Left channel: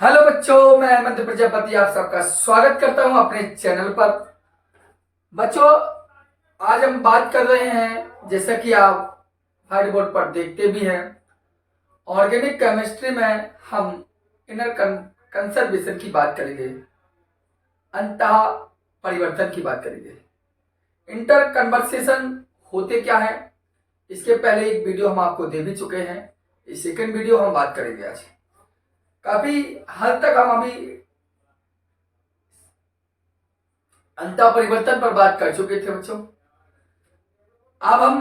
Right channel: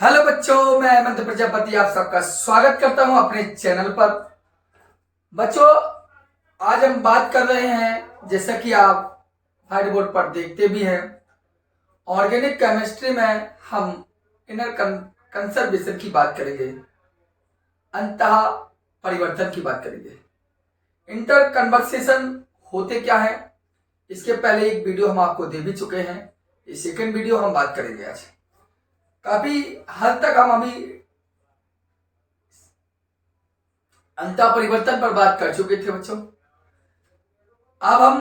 Hello बच्चों, मैं हेमंत प्रजापति आप सबका स्वागत करता हूं अपने चैनल पर। बच्चों, आज हम बात कर रहे हैं, जैसा कि आप व्हाइट बोर्ड पर देखते भी हैं, ऑर्गेनिक केमिस्ट्री में हम इनर कंजर्वेशन की बात करेंगे, अंतः परिवर्तन की बात करेंगे। इंटर कन्वर्सेशन होते क्या है, इसके पहले एक वीडियो हम आपको दे भी चुके हैं। ये सेकंड वीडियो हम बात करेंगे आज। काफी हद तक हम अभी अंतः परिवर्तन पर बात कर चुके थे बच्चों। अब हम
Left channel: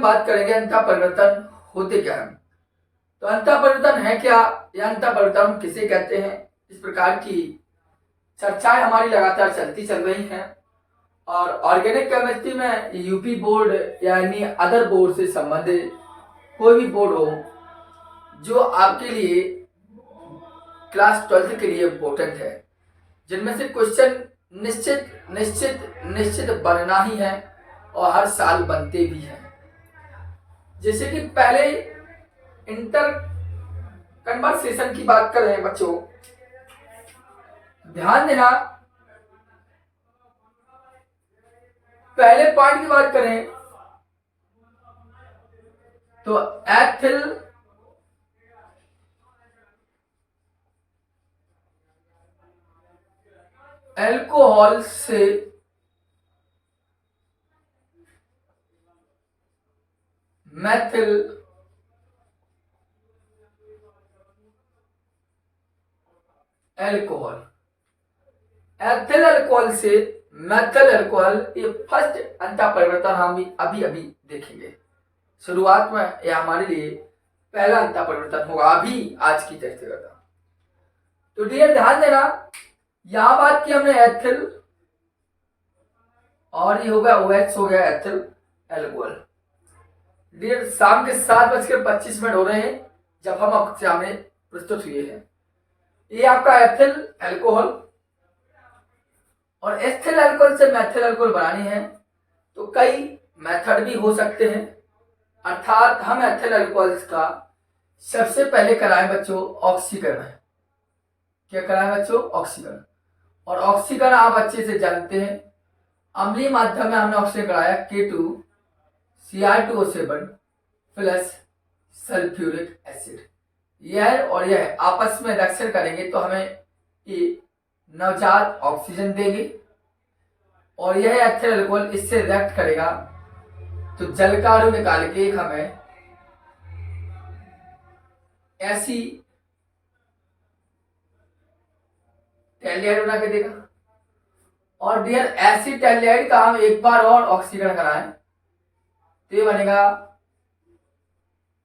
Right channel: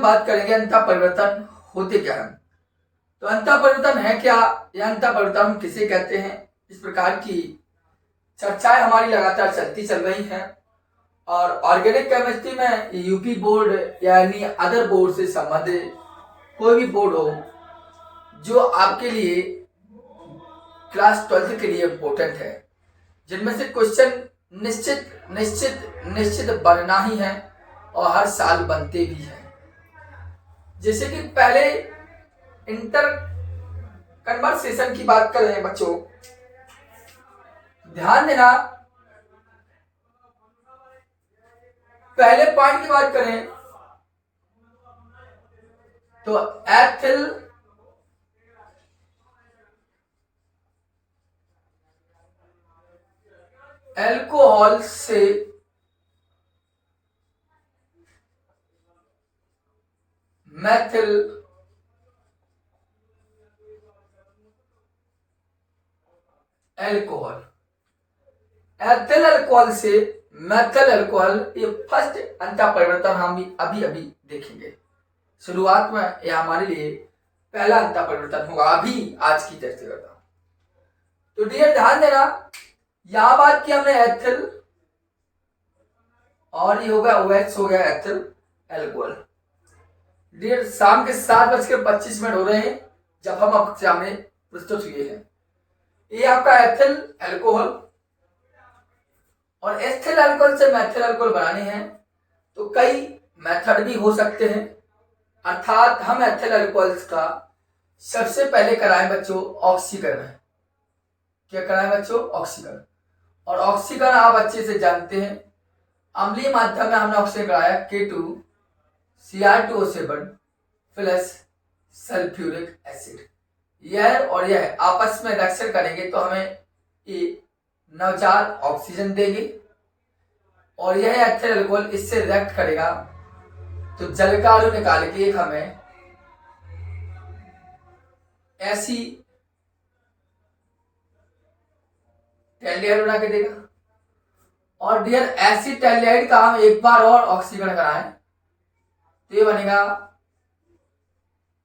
बात करेंगे अंतः परिवर्तन होते क्या है। तो अंतः परिवर्तन है क्या, या अंतः परिवर्तन हम किसे कहते हैं, इस प्रकार की चर्चाएं हमारी लगातार चलती चल रही हैं। और ऑर्गेनिक केमिस्ट्री में यूपी बोर्ड यानी अदर बोर्ड से संबंधित कोई भी बोर्ड हो जो आपके लिए क्लास 12 के लिए इम्पोर्टेंट है, जिनमें से क्वेश्चन निश्चित निश्चित निश्चित बनना ही है और हर साल बनते भी हैं। जैसे कि पहले इंटर कन्वर्सेशन की बात कर रहे हैं बच्चों, ध्यान देना। पहले पॉइंट की बात करें तो एथिल अल्कोहल से मैथिल अल्कोहल, एथिल अल्कोहल से मैथिल अल्कोहल, ये फर्स्ट अंतः परिवर्तन हम अभी अभी देखेंगे। शुरुआत में यह हमारे लिए पहला अंतः परिवर्तन होगा, अभी आज की चर्चा करता हूं। तो डियर ध्यान देना, यहां बात की हमने एथिल और ये हो गया OH, हो गया एथिल अल्कोहल। डियर शाम के 7:25 हो रहे हैं जब हम आपके सामने प्रस्तुत हुए हैं। ये आपका एथिल अल्कोहल, और एथिल अल्कोहल से मैथिल अल्कोहल बनानी है तो कई मेथड भी हो सकते हैं। अर्थात हम एथिल अल्कोहल्स का सबसे पहले कराएं बच्चों ऑक्सीकरण। क्या कराएं बच्चों? ऑक्सीकरण। और ऑक्सीकरण आप अच्छे से जानते हैं, अम्लीय माध्यम में हमने ऑक्सीकरण कराया K2Cr2O7 प्लस सल्फ्यूरिक एसिड। यह और यह आपस में रिएक्शन करेंगे तो हमें ये नवजात ऑक्सीजन देंगे, और यह एथिल अल्कोहल इससे रिएक्ट करेगा तो जल का अणु निकाल के हमें ऐसी टेल्डिहाइड बना के देगा। और डियर ऐसी टेल्डिहाइड का हम एक बार और ऑक्सीकरण कराएं तो ये बनेगा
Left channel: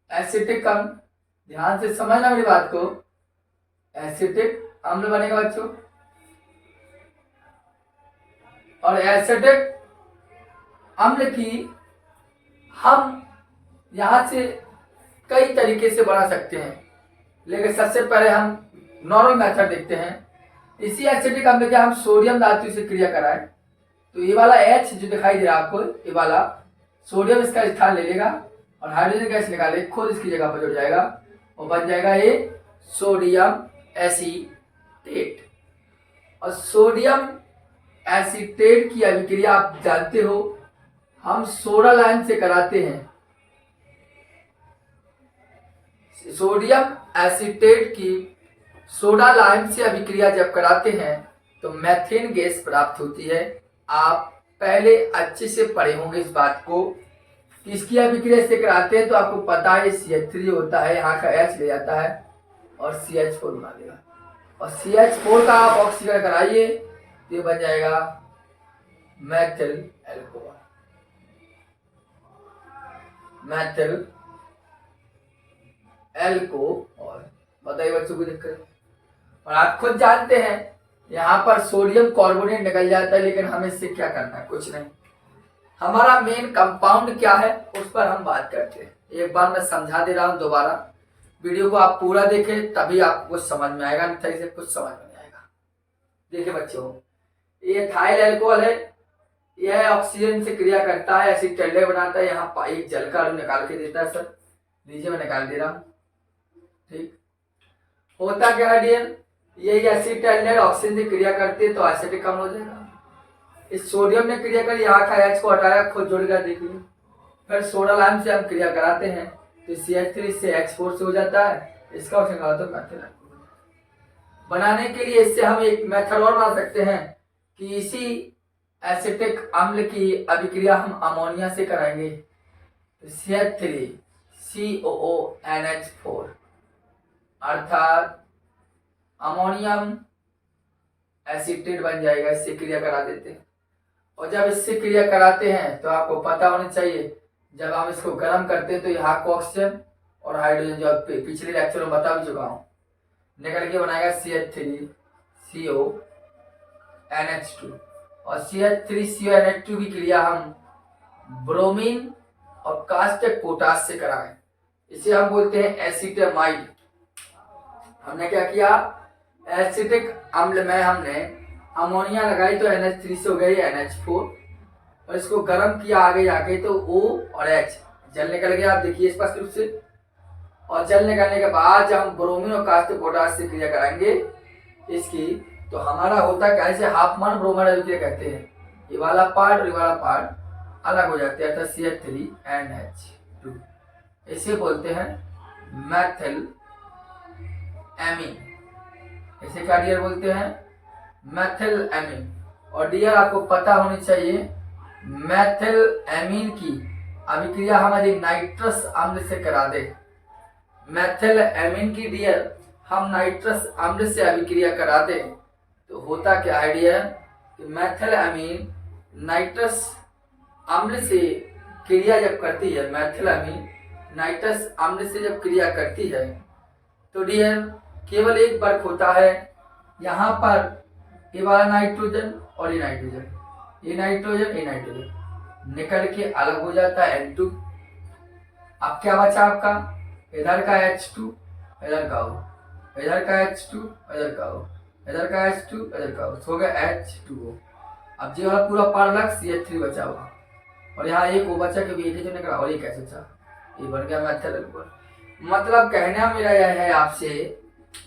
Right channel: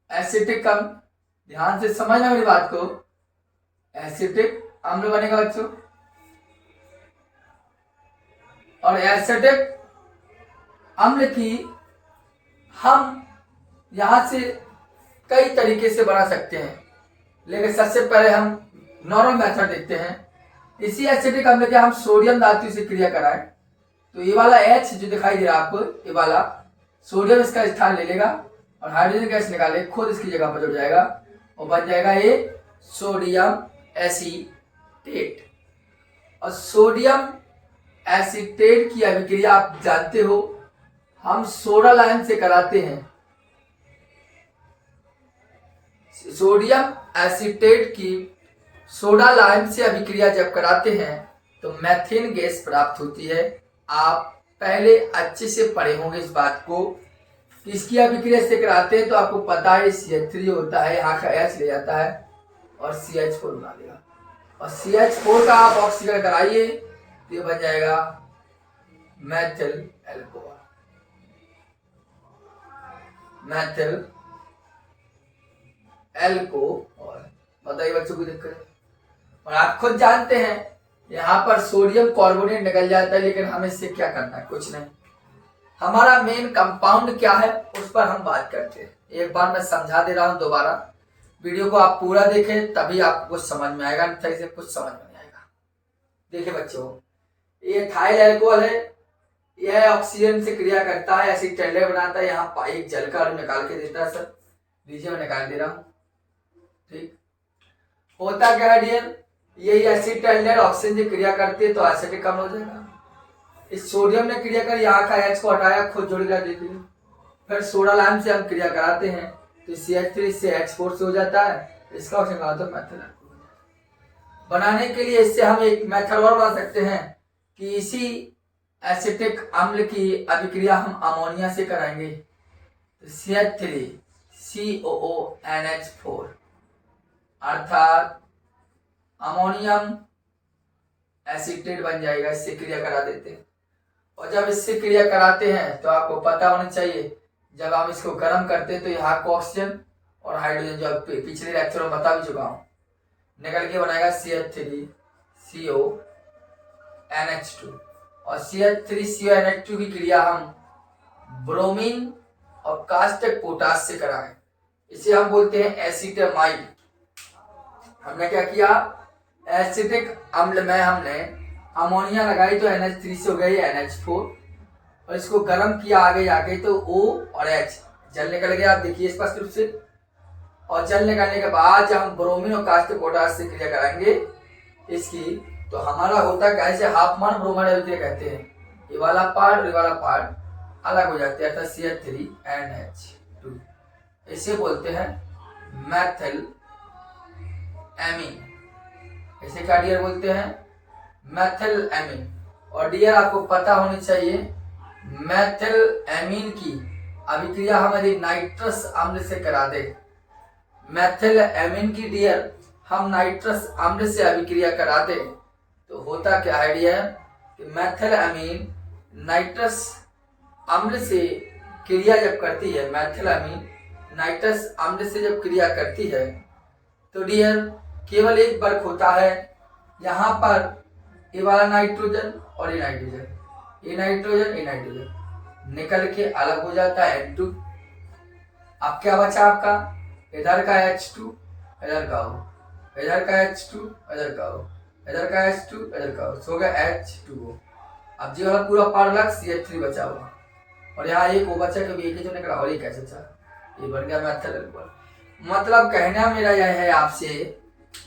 एसिटिक अम्ल। ध्यान से समझना मेरी बात को, एसिटिक अम्ल बनेगा बच्चों। और एसिटिक अम्ल की हम यहां से कई तरीके से बना सकते हैं, लेकिन सबसे पहले हम नॉर्मल मेथड देखते हैं। इसी एसिटिक अम्ल के हम सोडियम धातु से क्रिया कराएं तो ये वाला H जो दिखाई दे रहा है आपको, ये वाला सोडियम इसका स्थान ले लेगा और हाइड्रोजन गैस निकाले खुद इसकी जगह पर जुड़ जाएगा और बन जाएगा ये सोडियम एसीटेट। और सोडियम एसीटेट की अभिक्रिया आप जानते हो, हम सोडा लाइम से कराते हैं। सोडियम एसीटेट की सोडा लाइम से अभिक्रिया जब कराते हैं तो मैथेन गैस प्राप्त होती है। आप पहले अच्छे से पढ़े होंगे इस बात को कि इसकी अभिक्रिया से कराते हैं तो आपको पता है CH3 होता है, यहाँ का H ले जाता है और CH4 बना देगा, और CH4 का आप ऑक्सीकरण कराइए तो ये बन जाएगा मैथिल अल्कोहल। मैथिल अल्कोहल, बताइए बच्चों को दिक्कत? और आप खुद जानते हैं यहाँ पर सोडियम कार्बोनेट निकल जाता है, लेकिन हमें इससे क्या करना है? कुछ नहीं। हमारा मेन कंपाउंड क्या है उस पर हम बात करते हैं। एक बार मैं समझा दे रहा हूं, दोबारा वीडियो को आप पूरा देखें तभी आपको कुछ समझ में आएगा, नहीं तो इसे कुछ समझ में नहीं आएगा। देखिए बच्चों, ये एथाइल अल्कोहल है, यह ऑक्सीजन से क्रिया करता है, ऐसी टेल्डे बनाता है, यहाँ एक जल का अणु निकाल के देता है। सर लीजिए मैं निकाल दे रहा हूं, ठीक। होता क्या है डियर, यही एसिटाइल ऑक्सीजन से क्रिया करती है तो एसिटिक अम्ल हो जाएगा। इस सोडियम ने क्रिया कर यहाँ का H को हटाया, खुद जुड़ गया, देख लीजिए। फिर सोडा लाइम से हम क्रिया कराते हैं तो CH3 से H4 से हो जाता है, इसका ऑप्शन कहा तो मेथल बनाने के लिए इससे हम एक मेथड और बना सकते हैं कि इसी एसिटिक अम्ल की अभिक्रिया हम अमोनिया से कराएंगे तो CH3COONH4 अर्थात अमोनियम एसिटेट बन जाएगा। इससे क्रिया करा देते हैं और जब इससे क्रिया कराते हैं तो आपको पता होना चाहिए जब हम इसको गर्म करते हैं तो यहाँ को ऑक्सीजन और हाइड्रोजन जो पिछले लेक्चर में बता भी चुका हूँ निकल के बनाएगा CH3CONH2 और CH3CONH2 की क्रिया हम ब्रोमीन और कास्टिक पोटास से कराएं, इसे हम बोलते हैं एसिटामाइड। हमने क्या किया, एसिटिक अम्ल में हमने अमोनिया लगाई तो NH3 से हो गई NH4 और इसको गर्म किया आगे जाके तो O और H जल निकल गया, आप देखिए स्पष्ट रूप से। और जल निकलने के बाद जब हम ब्रोमीन और कास्टिक पोटास से क्रिया कराएंगे इसकी तो हमारा होता है कैसे हाफमैन ब्रोमाइड अभिक्रिया कहते हैं, ये वाला पार्ट और ये वाला पार्ट अलग हो जाते हैं अर्थात CH3NH2, इसे बोलते हैं मैथिल एमीन। इसे क्या डियर बोलते हैं, मैथिल एमीन। और डियर आपको पता होनी चाहिए मैथिल एमीन की अभिक्रिया हम यदि नाइट्रस अम्ल से करा दे, मैथिल एमीन की डियर हम नाइट्रस अम्ल से अभिक्रिया करा दे तो होता क्या है डियर कि मैथिल एमीन नाइट्रस अम्ल से क्रिया जब करती है, मैथिल एमीन नाइट्रस अम्ल से जब क्रिया करती है तो डियर केवल एक वर्क होता है, यहाँ पर ये वाला नाइट्रोजन और ये नाइट्रोजन, ये नाइट्रोजन ये नाइट्रोजन निकल के अलग हो जाता है N2। अब क्या बचा आपका, इधर का H2 इधर का O, इधर का H2 इधर का O, इधर का H2 इधर का O, सो गया H2O। अब ये वाला पूरा पार लग CH3 बचा हुआ और यहाँ एक O बचा क्योंकि एक ही तो निकला और ये कैसे था, ये बन गया मैथिल। मतलब कहना मेरा यह है आपसे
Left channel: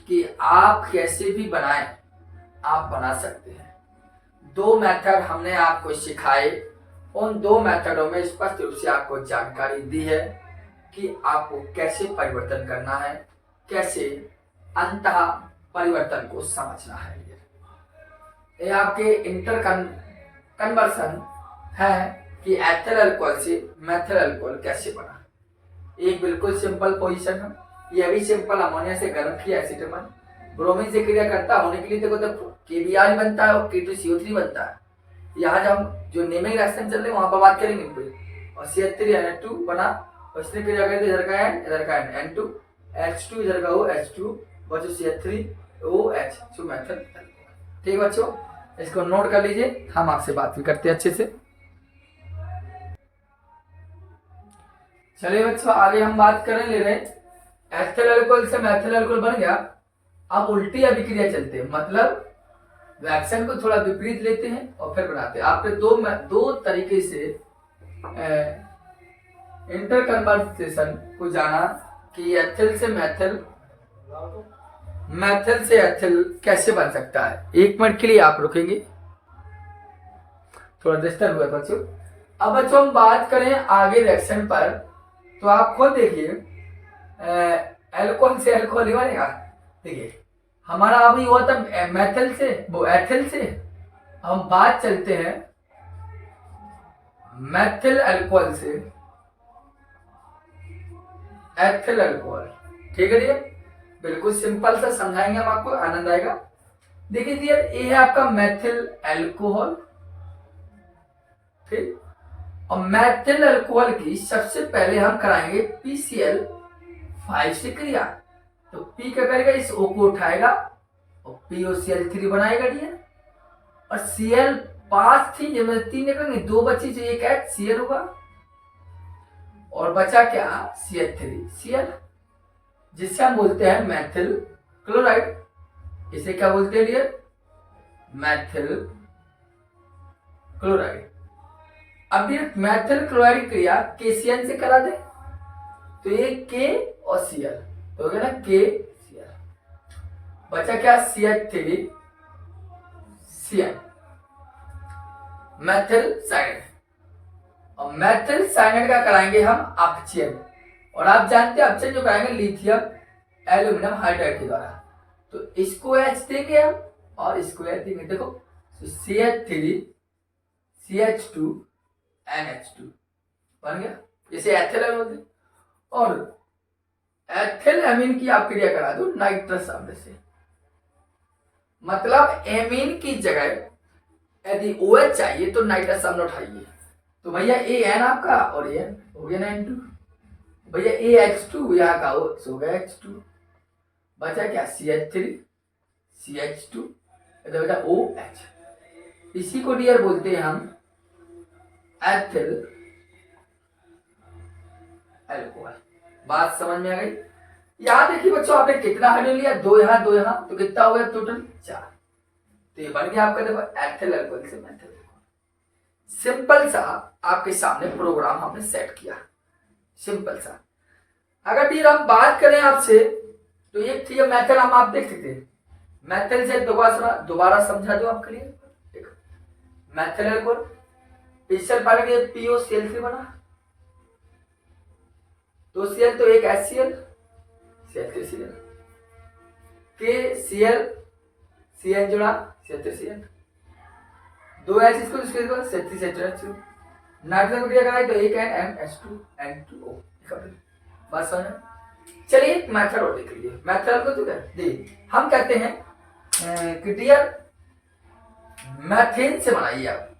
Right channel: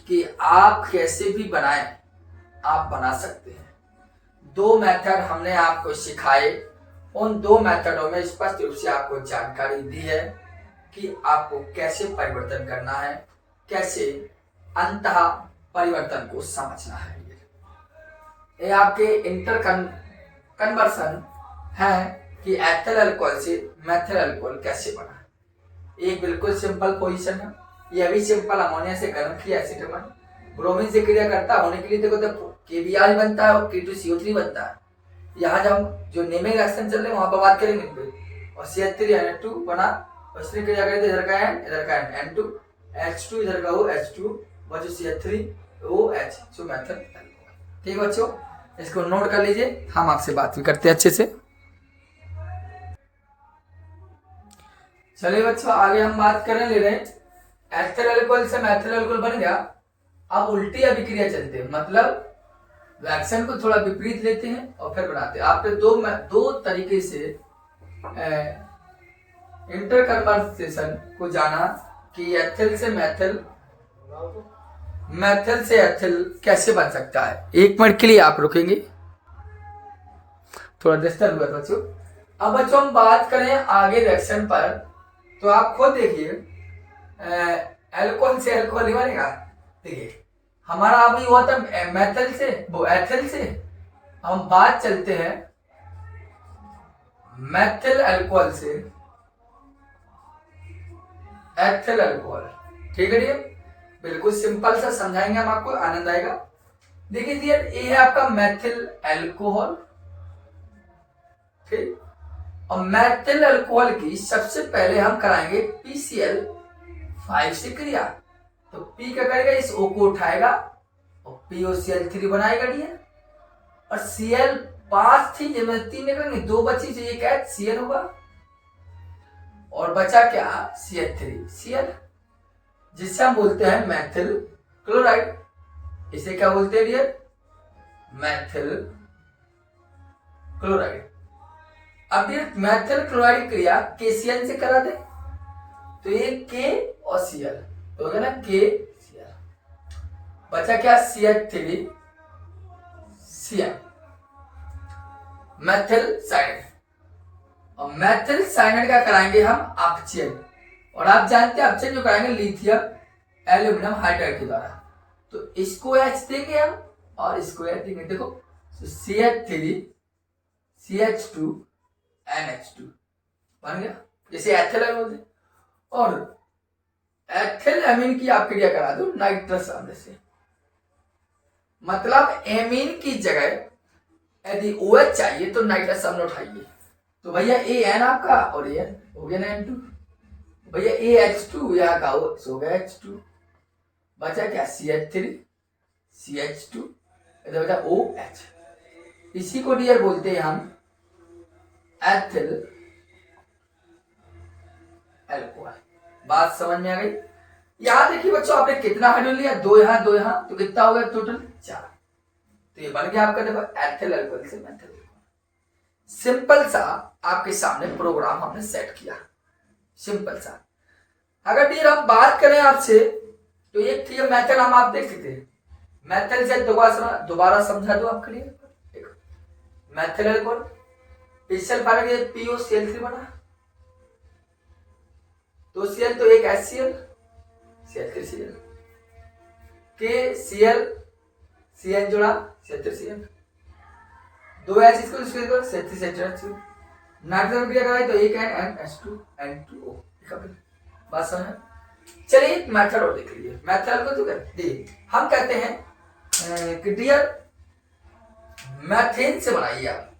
कि आप कैसे भी बनाएं आप बना सकते हैं। दो मेथड हमने आपको सिखाए, उन दो मेथडों में स्पष्ट रूप से आपको जानकारी दी है कि आपको कैसे परिवर्तन करना है, कैसे अंतः परिवर्तन को समझना है। ये आपके इंटर कन्वर्सन है कि एथिल अल्कोहल से मेथिल अल्कोहल कैसे बना। एक बिल्कुल सिंपल पोजीशन है, यह भी सिंपल अमोनिया से गर्म किया एसिटामाइड ब्रोमीन से क्रिया करता होने के लिए देखो तो KBr बनता है और K2CO3 बनता है। यहाँ जब जो नेमिंग रिएक्शन चल रहे हैं वहां पर बात करेंगे इनको। और CH3NH2 बना और इसने क्रिया करी तो इधर का N इधर का N2 H2 इधर का O H2 बचो CH3OH सो मेथड। ठीक बच्चों, इसको नोट कर लीजिए, हम आपसे बात भी करते हैं अच्छे से। चलिए बच्चों आगे हम बात करने ले रहे हैं एथिल अल्कोहल से मेथिल अल्कोहल बन गया। अब उल्टी अभिक्रिया चलते हैं, मतलब रिएक्शन को थोड़ा विपरीत लेते हैं और फिर बनाते हैं। आपने दो तरीके से इंटर कन्वर्सेशन को जाना कि एथिल से मेथिल, मेथिल से एथिल कैसे बन सकता है। एक मिनट के लिए आप रुकेंगे, थोड़ा डिस्टर्ब हुआ बच्चों। अब बच्चों हम बात करें आगे रिएक्शन पर तो आप खुद देखिए अल्कोहल से अल्कोहल ही बनेगा। देखिए हमारा अभी हुआ था मेथिल से वो एथिल से, हम बात चलते हैं मेथिल अल्कोहल से एथिल अल्कोहल। ठीक है, बिल्कुल सिंपल सा समझाएंगे हम आपको, आनंद आएगा। देखिए ये है आपका मेथिल अल्कोहल, ठीक। और मेथिल अल्कोहल की सबसे पहले हम कराएंगे PCl5 से क्रिया। तो P क्या करेगा, इस O को उठाएगा और POCl3 बनाएगा डियर। और Cl5 थी जिसमें 3 निकलेंगे, 2 बची जो एक है Cl होगा और बचा क्या CH3Cl, जिससे हम बोलते हैं मेथिल क्लोराइड। इसे क्या बोलते हैं डियर, मेथिल क्लोराइड। अब ये मेथिल क्लोराइड की क्रिया KCl से करा दे तो ये K और Cl तो हो गया ना KCl। बचा क्या, CH3CN, मेथिल साइनाइड। और मेथिल साइनाइड का कराएंगे हम अपचयन, और आप जानते हैं अपचयन जो कराएंगे लिथियम एल्यूमिनियम हाइड्राइड के द्वारा। तो इसको H देंगे हम और इसको H देंगे। देखो CH3CH2NH2 बन गया, जैसे एथिल अमीन बोलते। और एथिल अमीन की आप क्रिया करा दो नाइट्रस अम्ल से, मतलब एमीन की जगह यदि OH चाहिए तो नाइट्रस अम्ल उठाइए। तो भैया AN आपका और AN हो गया ना N2, भैया AH2 यहाँ का हो गया H2, बचा क्या CH3CH2 इधर बचा OH। इसी को डियर बोलते हैं हम एथिल अल्कोहल। बात समझ में आ गई। यहां देखिए बच्चों, आपने कितना हाइड्रोजन लिया, दो यहां दो यहां, तो कितना हो गया टोटल 4। तो ये बन गया आपका देखो एथिल अल्कोहल से मेथिल। सिंपल सा आपके सामने प्रोग्राम हमने सेट किया, सिंपल सा। अगर डियर हम बात करें आपसे, तो ये ठीक है मेथड हम आप देख सकते हैं। मेथड से दोबारा समझा दो आपके लिए। देखो मेथिल अल्कोहल पिछले पार्ट में POCl3 बना, 2 Cl तो एक HCl, CH3Cl, KCl CN जुड़ा CH3Cl, 2 H इसको CH3CH2, नाइट्रोजन क्रिया कराई तो एक NH2 N2O। बात समझ। चलिए एक मेथड और देख लीजिए। मेथड को जो हम कहते हैं कि डियर मैथेन से बनाइए आप,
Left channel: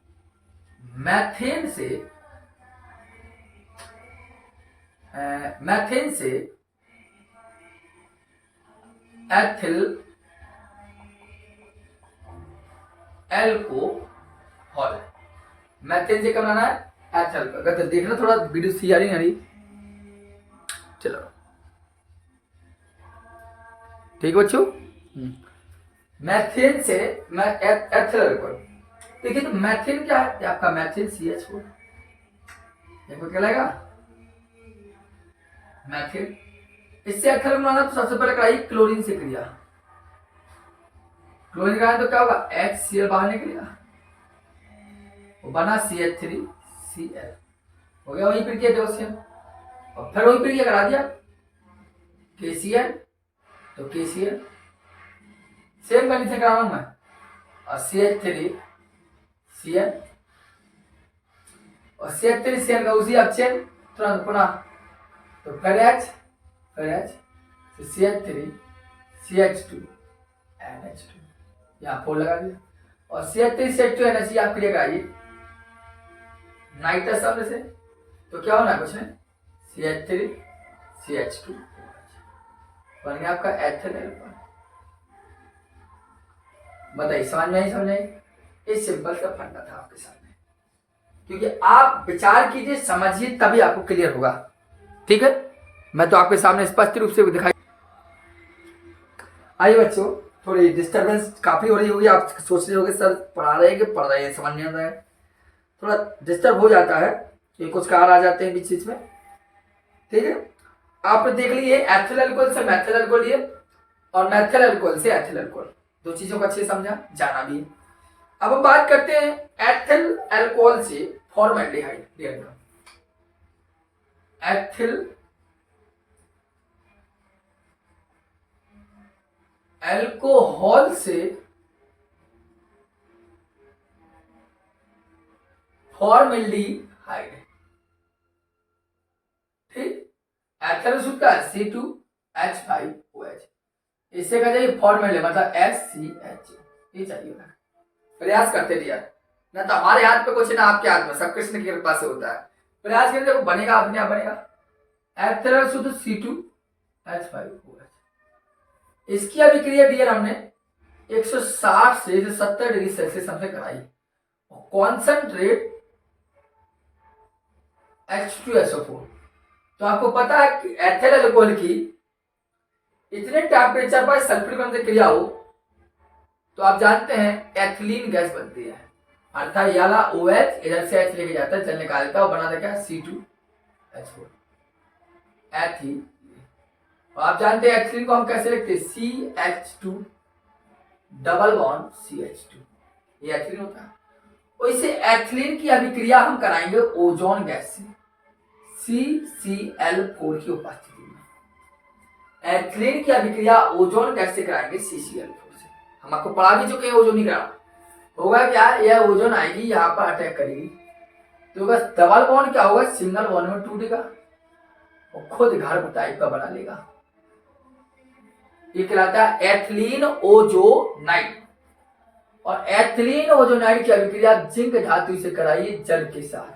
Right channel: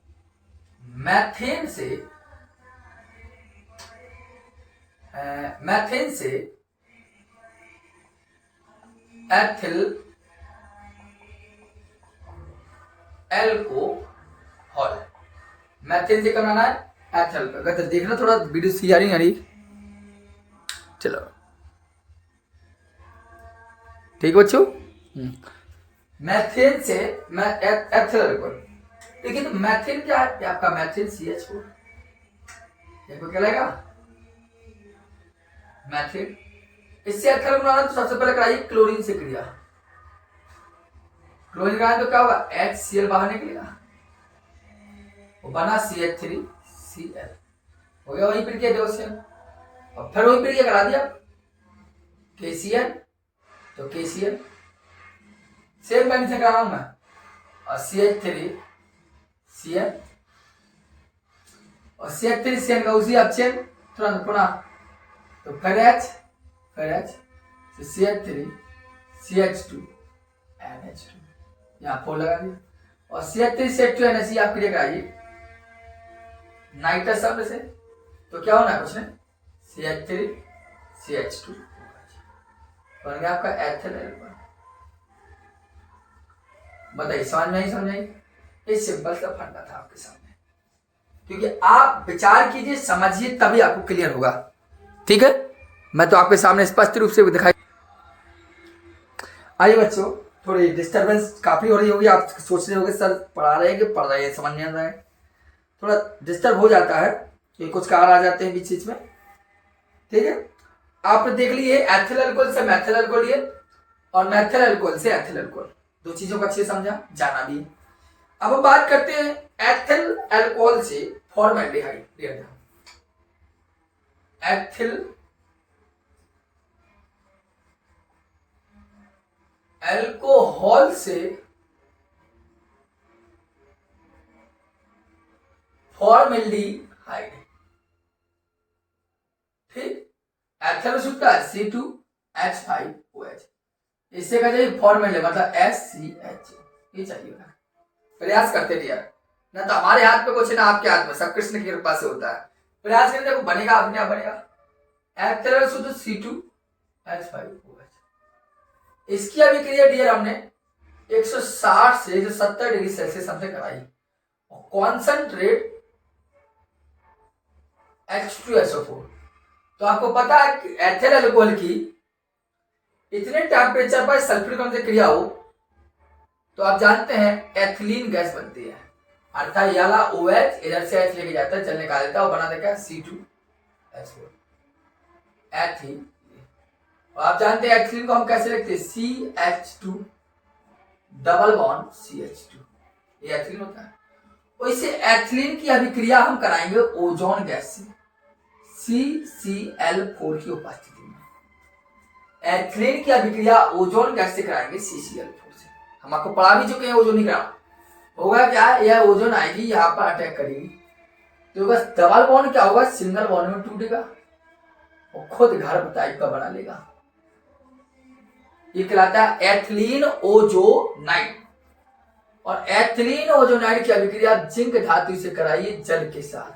मैथेन से एथिल अल्कोहल। मैथेन से क्या बनाना है, एथिल का। अगर देखना थोड़ा वीडियो सी आ रही, चलो ठीक है बच्चों। मैथेन से एथिल अल्कोहल। देखिए तो मैथेन क्या है आपका, मैथेन CH4, देखो क्या लगेगा मैथेन। इससे एथिल बनाना तो सबसे पहले कराइए क्लोरीन से क्रिया। क्लोरीन का तो क्या होगा, HCl बाहर निकलेगा, वो बना CH3Cl, हो गया वही प्रक्रिया जोशियम। और फिर वही प्रक्रिया करा दिया KCl, तो KCl सेम कंडीशन करा रहा हूं मैं, और CH3Cl, और CH3Cl का उसी अपचयन तुरंत पुनः, तो फिर H तो CH3CH2NH2 यहाँ 4 लगा दिया, और CH3CH2NH आप क्रिया कराइए नाइट्रस अम्ल से, तो क्या होना कुछ नहीं, CH3CH2 बन गया आपका एथिल अल्कोहल। बताइए समझ में नहीं समझ आई? ये सिंपल सा फंडा था आपके सामने, क्योंकि आप विचार कीजिए समझिए तभी आपको क्लियर होगा। ठीक है, मैं तो आपके सामने स्पष्ट रूप से दिखाई। आइए बच्चों, थोड़ी डिस्टरबेंस काफी हो रही होगी, आप सोच रहे होंगे सर पढ़ा रहे हैं कि पढ़ रहे हैं, समझ नहीं आता है, थोड़ा डिस्टर्ब हो जाता है कि कुछ कार आ जाते हैं बीच बीच में। ठीक है, आपने देख लिए एथिल अल्कोहल से मैथिल अल्कोहल लिए, और मैथिल अल्कोहल से एथिल अल्कोहल, दो चीजों को अच्छे समझा, जाना भी। अब हम बात करते हैं एथिल अल्कोहल से फॉर्मेल्डिहाइड। एथिल अल्कोहल से फॉर्मेल्डिहाइड। ठीक, एथिल सूत्र C2H5OH, इससे क्या चाहिए फॉर्मेल्डिहाइड, मतलब SCH, ये चाहिए। प्रयास करते रहिए, ना तो हमारे हाथ पे कुछ है ना आपके हाथ में, सब कृष्ण की कृपा से होता है। प्रयास करते देखो बनेगा, अपने आप बनेगा। एथिल सूत्र C2H5OH, इसकी अभिक्रिया डियर हमने 160 से 170 डिग्री सेल्सियस हमसे कराई, और कॉन्सेंट्रेट H2SO4। तो आपको पता है कि एथिल अल्कोहल की इतने टेम्परेचर पर सल्फ्यूरिक अम्ल से क्रिया हो तो आप जानते हैं एथिलीन गैस बनती है, अर्थात ये वाला OH इधर से H लेके जाता है, जल निकाल देता है और बना देता है C2H4 एथिलीन। और आप जानते हैं एथिलीन को हम कैसे लिखते हैं, CH2 डबल बॉन्ड CH2, ये एथिलीन होता है। वैसे एथिलीन की अभिक्रिया हम कराएंगे ओजोन गैस से CCl4 की उपस्थिति में। एथिलीन की अभिक्रिया ओजोन गैस से कराएंगे CCl4 से। हम आपको पढ़ा भी चुके हैं ओजोन नहीं करा। होगा क्या, यह ओजोन आएगी यहाँ पर अटैक करेगी, तो बस डबल बॉन्ड क्या होगा, सिंगल बॉन्ड में टूटेगा और खुद घर टाइप का बना लेगा। ये कहलाता है एथिलीन ओजोनाइड। और एथिलीन ओजोनाइड की अभिक्रिया जिंक धातु से कराइए जल के साथ,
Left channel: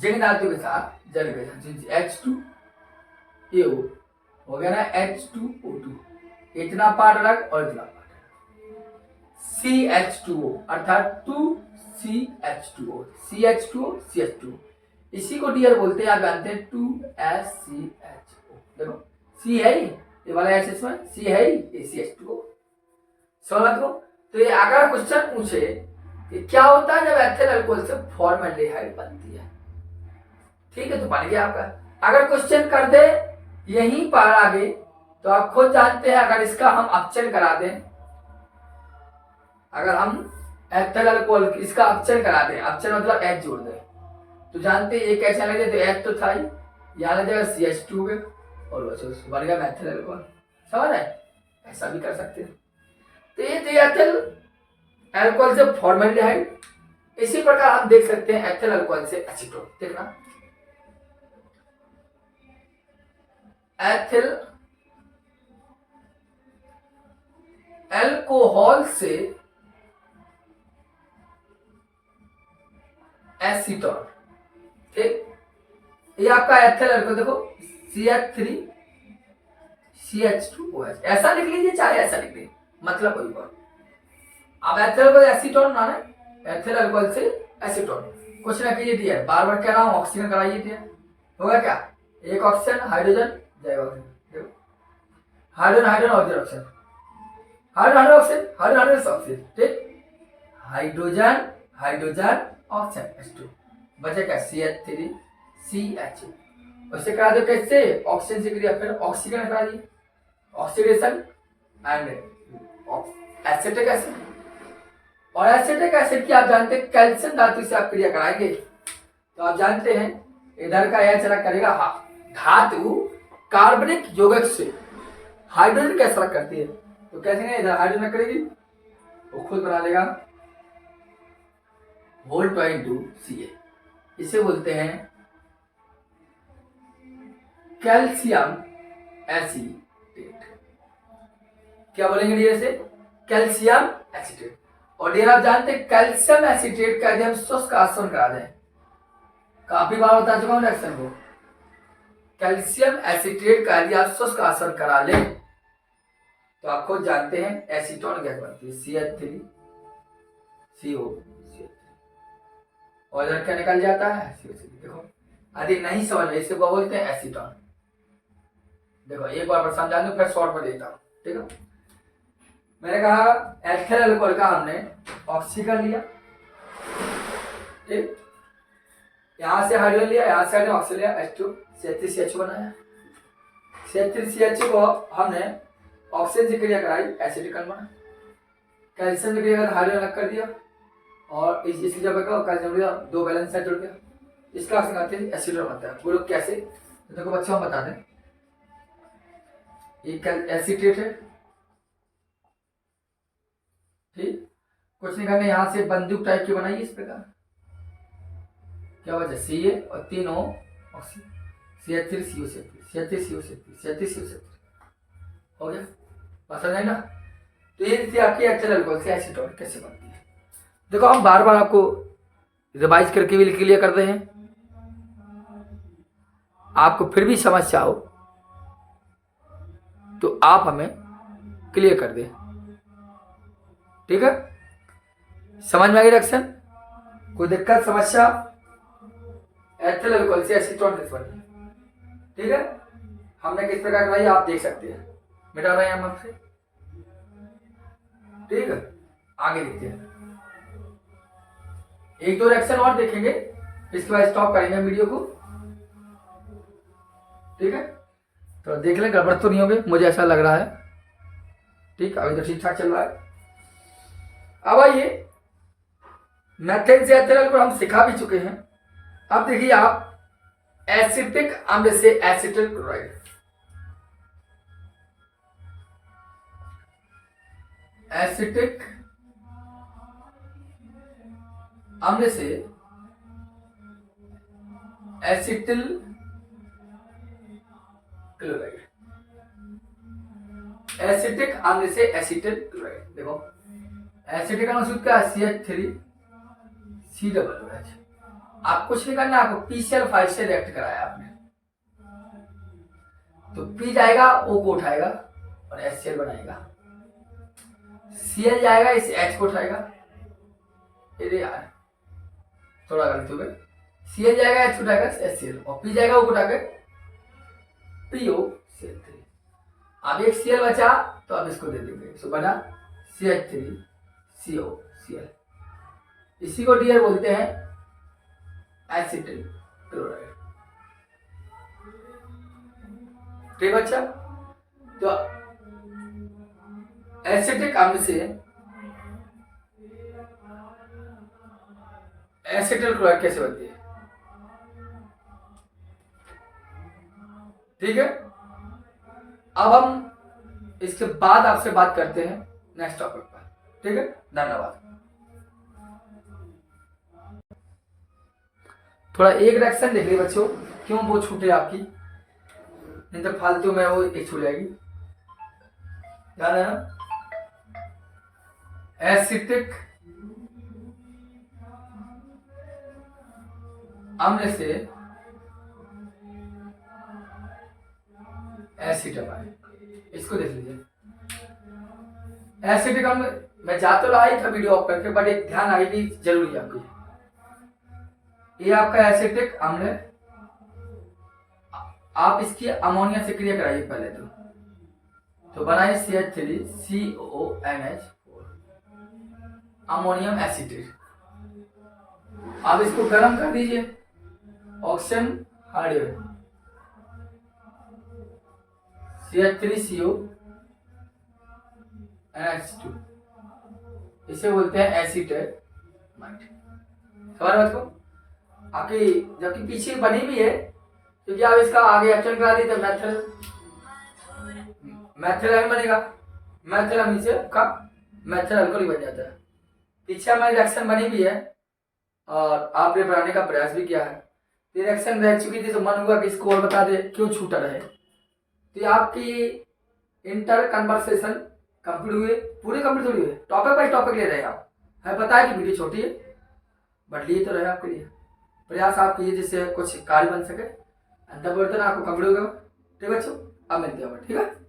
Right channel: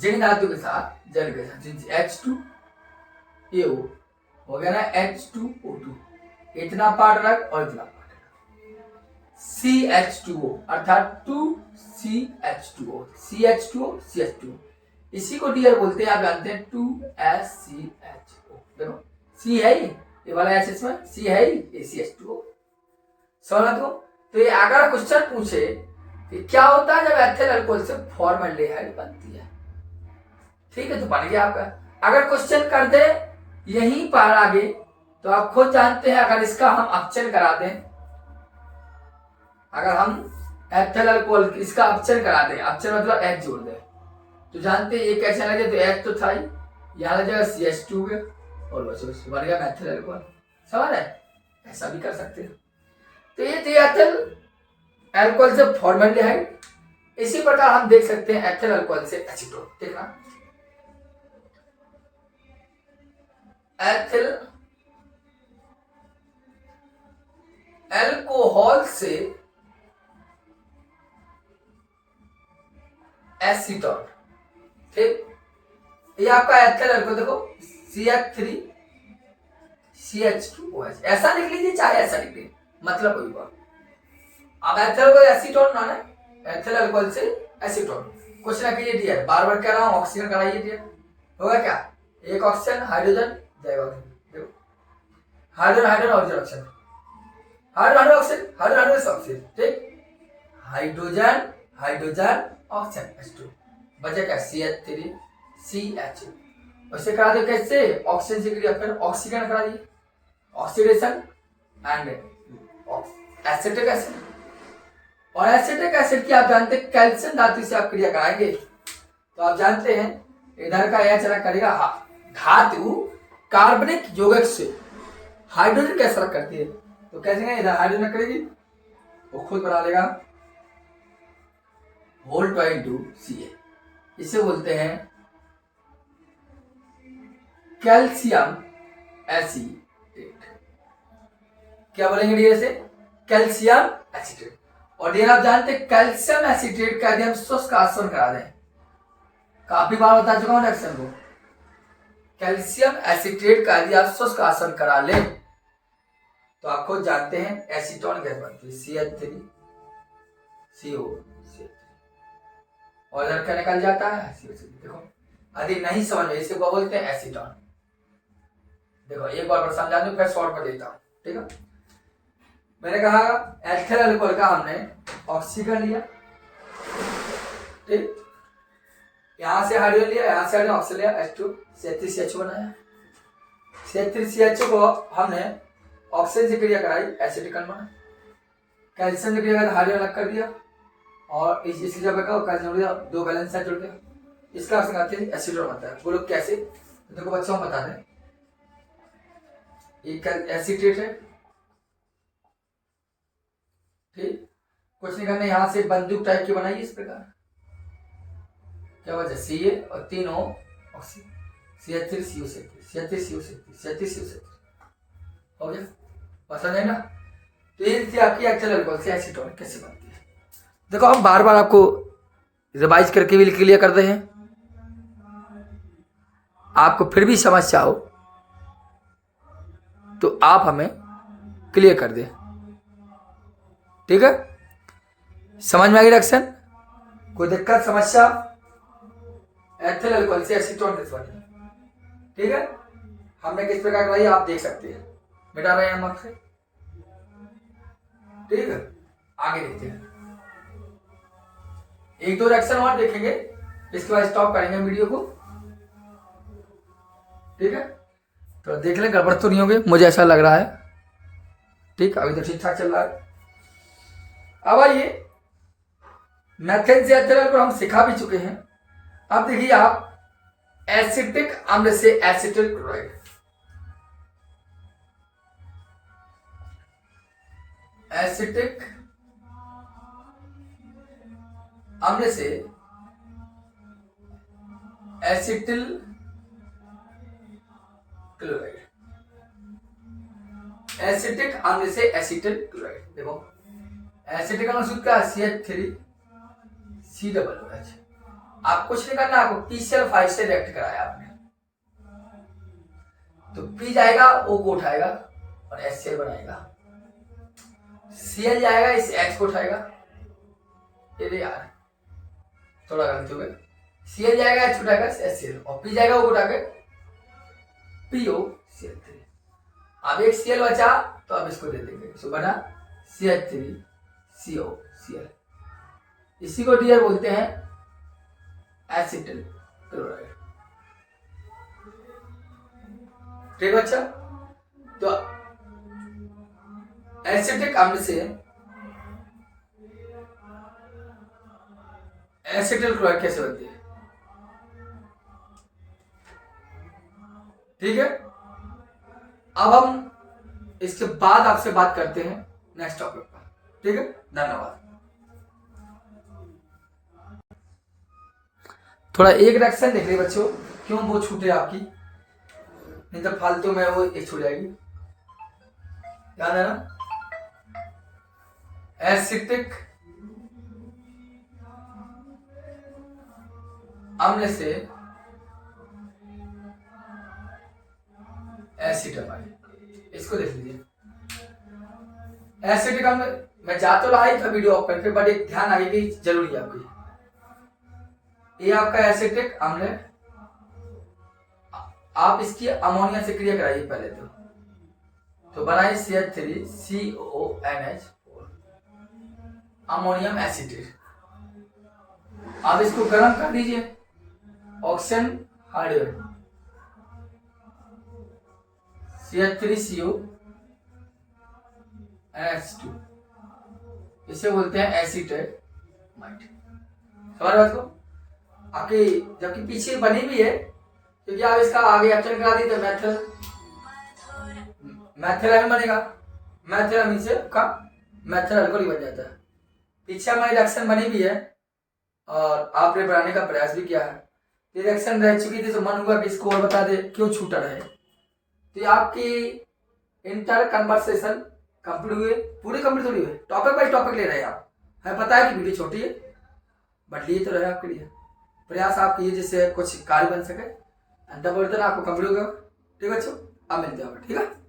जिंक धातु के साथ जल के साथ, H2AO हो गया ना, H2O2, इतना पार्ट रख और इतना पार्ट रख, CH2O अर्थात 2CH2O, CH2O CH2O, इसी को डियर बोलते हैं, आप जानते हैं 2SCHO। देखो C है ये वाला H इसमें, C है ये CH2O। समझ को, तो ये अगर क्वेश्चन पूछे कि क्या होता है जब एथिल अल्कोहल से फॉर्मल्डिहाइड बनती है, ठीक है, तो बन गया आपका। अगर क्वेश्चन कर दे यहीं पर आगे, तो आप खुद जानते हैं, अगर इसका हम अपचन करा दें, अगर हम एथिल अल्कोहल इसका अपचन करा दें, अपचन मतलब H जोड़ दें, तो जानते हैं ये कैसे लगे, तो H तो था ही, यहाँ लग जाएगा CH2 के और बन गया एथिल अल्कोहल। समझ है, ऐसा भी कर सकते हैं। तो ये एथिल अल्कोहल से फॉर्मल्डिहाइड, इसी प्रकार हम देख सकते हैं एथिल अल्कोहल से एसीटोन। देखना, एथिल अल्कोहल से एसीटोन, ठीक, ये आपका एथिल अल्कोहल देखो CH3 CH2OH, ऐसा लिख लीजिए चाहे ऐसा लिख लीजिए, मतलब कोई बात। अब एथिल अल्कोहल एसीटोन ना, एथिल अल्कोहल से एसीटोन, कुछ ना कीजिए डियर, बार बार कह रहा हूं, ऑक्सीजन कराइए डियर, होगा क्या, एक ऑक्सीजन हाइड्रोजन जाएगा, देखो hydrogen hydrogen oxygen, hydrogen oxygen, hydrogen oxygen, ठीक, हाइड्रोजन हाइड्रोजन ऑक्सीजन H2, बचेगा CH3 CH। वैसे करा दे कैसे, ऑक्सीजन से क्रिया, फिर ऑक्सीजन करा दिए, ऑक्सीडेशन एंड एसिटिक एसिड, और एसिटिक एसिड की आप जानते हैं कैल्शियम धातु से आप क्रिया कराएंगे, तो आप जानते हैं इधर का यह चला करेगा धातु कार्बनिक यौगिक से हाइड्रोजन कैसे अलग करती है, तो कैसे इधर हाइड्रोजन करेगी, वो खुद बना लेगा H2Ca, इसे बोलते हैं कैल्शियम एसीटेट। क्या बोलेंगे डियर से, कैल्शियम एसीटेट। और डियर आप जानते हैं कैल्शियम एसीटेट का यदि हम शुष्क आसवन करा दें, काफी बार बता चुका हूं रिएक्शन को, कैल्शियम एसीटेट का यदि आप शुष्क आसवन करा लें, तो आप खुद जानते हैं एसीटोन गैस बनती है CH3 CO, और इधर क्या निकल जाता है CO3। देखो यदि नहीं समझ में, इसे बोलते हैं एसीटोन। देखो एक बार समझा दूं, फिर शॉर्ट में देता हूं, ठीक है। मैंने कहा एथिल अल्कोहल का हमने ऑक्सीजन लिया, ठीक, यहां से हाइड्रोजन लिया, यहां से ऑक्सीजन लिया, H2 CH3CH बनाया, CH3CH को हमने ऑक्सीजन से क्रिया कराई, एसिटिक बना, कैल्शियम से क्रिया कराई, हाइड्रोजन अलग कर दिया, और इसलिए जब कैल्शियम दिया, दो बैलेंस साइड जुड़ गया, इसका ऑक्सीजन आती है एसिटोन बनता है। बोलो कैसे, तो देखो बच्चों हम बता दें, ये एसीटेट है, ठीक, कुछ नहीं करना, यहां से बंदूक टाइप की बनाई इस प्रकार, क्या वजह Ca और तीनों oxygen CH3 CO CH3 CO CH3 CO हो गया, बस समझ ना। तो ये थी आपकी एथिल अल्कोहल से एसीटोन कैसे बनती है। देखो हम बार बार आपको रिवाइज करके भी क्लियर कर रहे हैं, आपको फिर भी समस्या हो तो आप हमें क्लियर कर दें, ठीक है। समझ में आ गई रिएक्शन, कोई दिक्कत समस्या, एथिल अल्कोहल से एसीटोन कैसे बनी, ठीक है, हमने किस प्रकार कराई आप देख सकते हैं, मिटा रहे हैं हम आपसे, ठीक है। आगे देखते हैं, एक दो रिएक्शन और देखेंगे, इसके बाद स्टॉप करेंगे वीडियो को, ठीक है। तो देख लें गड़बड़ तो नहीं होगी, मुझे ऐसा लग रहा है, ठीक। ठीक, अभी तो ठीक ठाक चल रहा है। अब आइए, मैथेन से एथेनॉल को हम सिखा भी चुके हैं। अब देखिए आप, एसिटिक अम्ल से एसिटिल क्लोराइड, एसिटिक अम्ल से एसिटिल क्लोराइड, एसिटिक अम्ल से एसिटिल क्लोराइड। देखो एसिटिक अम्ल सूत्र क्या है, CH3COOH। आप कुछ नहीं करना, आपको PCl5 से रिएक्ट कराया आपने, तो P जाएगा, O को उठाएगा और HCl बनाएगा, Cl जाएगा, इस H को उठाएगा, ये यार थोड़ा गलत हो गया, Cl जाएगा, H उठाएगा, HCl, और P जाएगा, O को उठाकर POCl3। अब एक Cl बचा तो अब इसको दे देंगे, तो बना CH3COCl। इसी को डियर बोलते हैं एसिटिल क्लोराइड। ठीक बच्चा, तो एसिटिक अम्ल से एसिटिल क्लोराइड कैसे बनती है, ठीक है। अब हम इसके बाद आपसे बात करते हैं नेक्स्ट टॉपिक पर, ठीक है। धन्यवाद। थोड़ा एक रिएक्शन देख लीजिए बच्चों, क्यों वो छूटे आपकी, नहीं तो फालतू में वो एक छूट जाएगी, याद है ना। एसिटिक अम्ल से एसिटामाइन, इसको देख लीजिए। एसिटिक अम्ल मैं जा तो रहा था वीडियो ऑफ करके, बट एक ध्यान आगे की जरूरी है आपकी, ये आपका एसिटिक अम्ल है, आप इसकी अमोनिया से क्रिया कराइए पहले तो बनाइए CH3CONH4 अमोनियम एसिटेट। आप इसको गर्म कर दीजिए, ऑक्सीजन हाइड्रोजन CH3CONH2, इसे बोलते हैं एसिटामाइड। समझ बात को आपकी, जबकि पीछे बनी भी है, क्योंकि आप इसका आगे एक्शन करा दी तो मैथेल बनेगा, मैथेल से आपका मैथेल अल्कोहल बन जाता है। पीछे हमारी रिएक्शन बनी भी है और आपने बनाने का प्रयास भी किया है, रिएक्शन रह चुकी थी, तो मन हुआ कि इसको और बता दे क्यों छूटा रहे। तो ये आपकी इंटर कन्वर्सेशन कंप्लीट हुए, पूरे कंप्लीट थोड़ी हुए, टॉपिक बाई टॉपिक ले रहे हैं आप, हमें पता है कि वीडियो छोटी है, बट लिए तो रहे आपके लिए, प्रयास आप कीजिए जिससे कुछ कार्य बन सके। आपको कंप्लीट होगा। ठीक है बच्चों, अब मिलते हैं, ठीक है।